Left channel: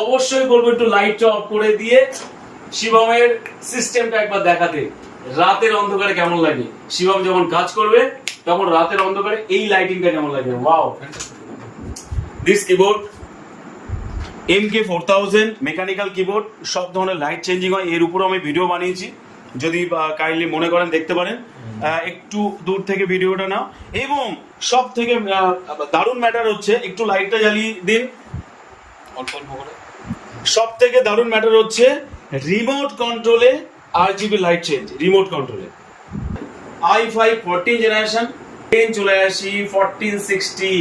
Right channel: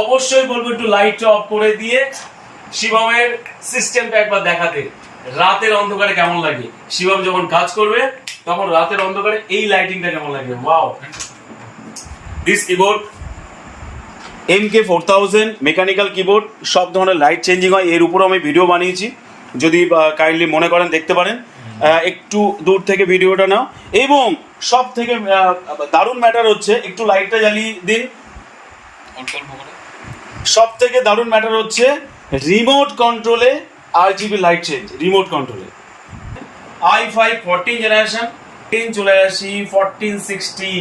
অবশ্যই বলবো একটু লাইটটা অফ করে দিয়ে শিবমের সিস্টেমটা একবার দেখাতে, রাতের অন্ধকারে কেমন লাগে। শিবম যখন কাজ করবে তখন রাতের অন্ধকারে এই লাইটিংটা কেমন লাগে। Wow, this keyboard MK4000 mechanical keyboard, সব ধরনের লাইট চেঞ্জিং হয়। এর উপর আমি ভিডিও বানিয়েছি, যদি কাইন্ডলি মনে করেন দেখতে পারেন, একটু দূর থেকে ভিডিওটা নাও। এবং সব থেকে দারুণ ম্যাটার হচ্ছে, একটু লাইটটা জ্বালিয়ে দিন। সব থেকে দারুণ ম্যাটার হচ্ছে রিমোট কন্ট্রোলে RGB লাইট চেঞ্জ, রিমোট কন্ট্রোলে। i5 14 জেনারেশন, চলে আসি 1460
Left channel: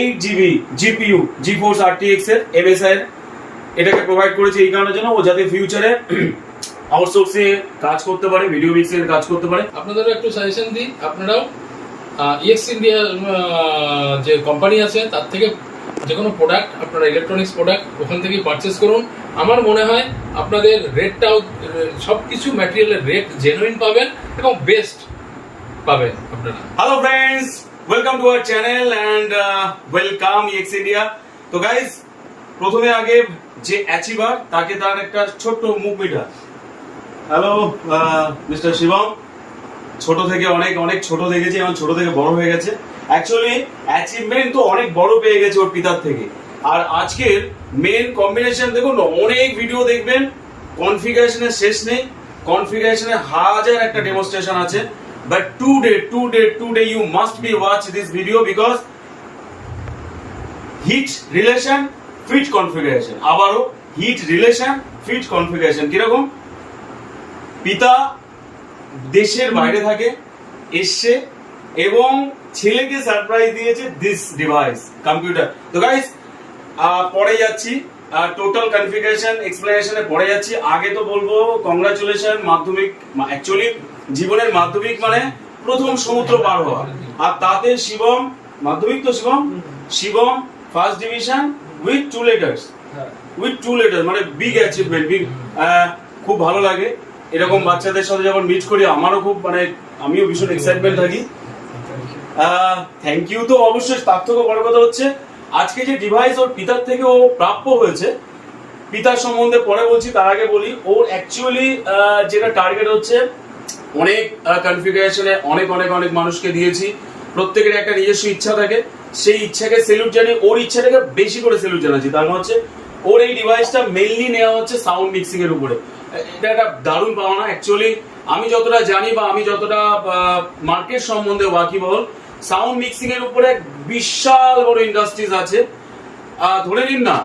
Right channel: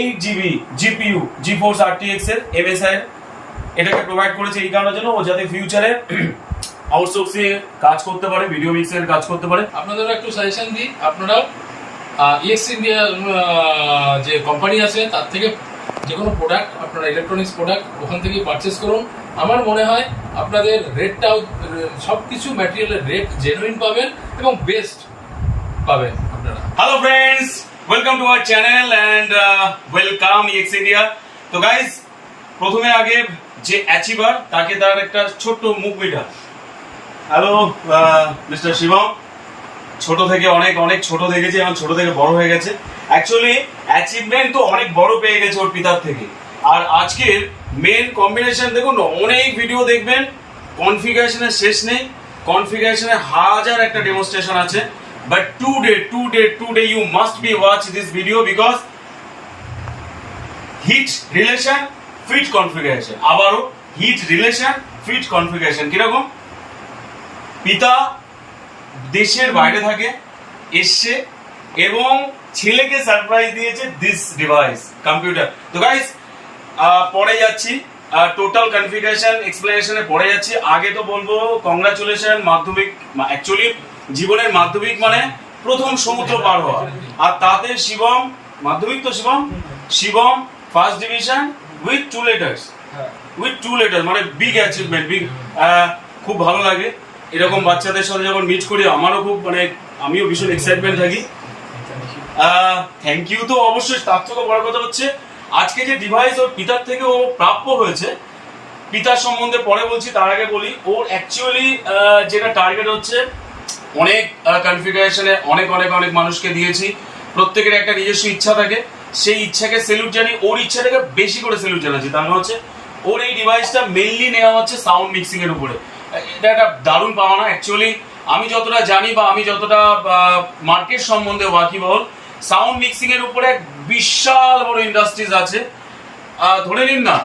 8GB GPU GeForce RTX এর MSI এর, এটাকে প্রোভাইড করেছে এই কারণের জন্য ও যাতে ফিউচারে আউটসোর্সে কাজ করতে পারে, ভিডিও মিক্সের কাজ করতে পারে। আপনাদেরও একটু সাজেশন দিই, আপনারাও EX ইন্ডিয়া যে কোম্পানি আছে তার থেকে যে কোনো প্রোডাক্ট, আপনারা ইলেকট্রনিক্স প্রোডাক্ট ওখান থেকেই পারচেস করুন। আমার মনে হয় আপনাদের রেটটাও, সব কিছু ম্যাটেরিয়ালের রেট জেনুইন পাবেন এবং বেস্ট পাবেন আপনারা। Hello friends, welcome to our channel and welcome EX India. তো গাইস, প্রথমে আগে যে অ্যাচিভার তাকে তার একটা ছোট্ট মুখ মিটা। হ্যালো মিস্টার শিবম, ছোট থেকে অনেক অনেক ছোট দেখেছি, এখন ছোট থেকে বড় হয়ে গেছে। অ্যাকচুয়ালি অ্যাচিভমেন্ট তো অনেক বড় পেয়ে গেছে ওর পিতার থেকে। আর আজকের মেন কম্বিনেশন দেখুন, অনেক ভিডিও দেখবেন, কনফিগারেশনের শেষ নেই, কনফিগারেশনে হাজার একটা ডেমনস্ট্রেশন আছে। But today you must be watch this video because hit relation fit configuration, আবারও হিট রিলেশন ফিট কনফিগারেশন। কিরকম? পিতা দেশের বাইরে থাকে, এসছে এবং ছেলেকে সারপ্রাইজ দিয়েছে দিস ডিভাইস কম্পিউটার। তো গাইস, পরে যাচ্ছি টোটাল কনফিগারেশন এক্সপ্লেনেশনে পড়ে যাচ্ছি। আগে তো বলবো কংগ্রাচুলেশন, মাধ্যমিক অ্যাকচুয়ালি জীবনের মাধ্যমিক মানে প্রথম সমুদ্র পার হওয়া। আর তাতে শিবম মাধ্যমিক, তো Shivam first division with two letters, মানে বিগ অ্যাচিভমেন্ট, বিগ। খুব ভালো লাগে এরকম বাচ্চাদের সাথে যখন মিট করি, আমারও খুব আমিও ভীষণ এক্সাইটমেন্ট থাকি। Thank you. তো অবশ্যই তার থেকে বড় কথা হচ্ছে আজকে যে ডিভাইস ওর পিতার থেকে ও প্রাপ্য হয়েছে, পিতার সম্বন্ধে পরে বলছি, তার আগে বলি ওর অ্যাকচুয়ালি যেটা টার্গেট হচ্ছে, অনেক কনফিগারেশনে অনেক অনেক অনেক মানুষকে দিয়েছি, প্রত্যেকের একটা নিজস্ব ইচ্ছা থাকে, সেই ইচ্ছাকে সেলুট জানি, ওর ইচ্ছাটাকে বেশি করে সেলুট জানাচ্ছি। তার মানে হচ্ছে ওর এই ডিভাইসটা মেইনলি নেওয়া হচ্ছে সাউন্ড মিক্সিং এর উপরে। এটা একটা দারুণ পাওনা। অ্যাকচুয়ালি আমি যতটা জানি বা আমি যতটা মার্কেট সম্বন্ধে ওয়াকিবহল, সাউন্ড মিক্সিং এর উপরে বিশাল বড় ইন্ডাস্ট্রিজ আছে। ধরে নিন না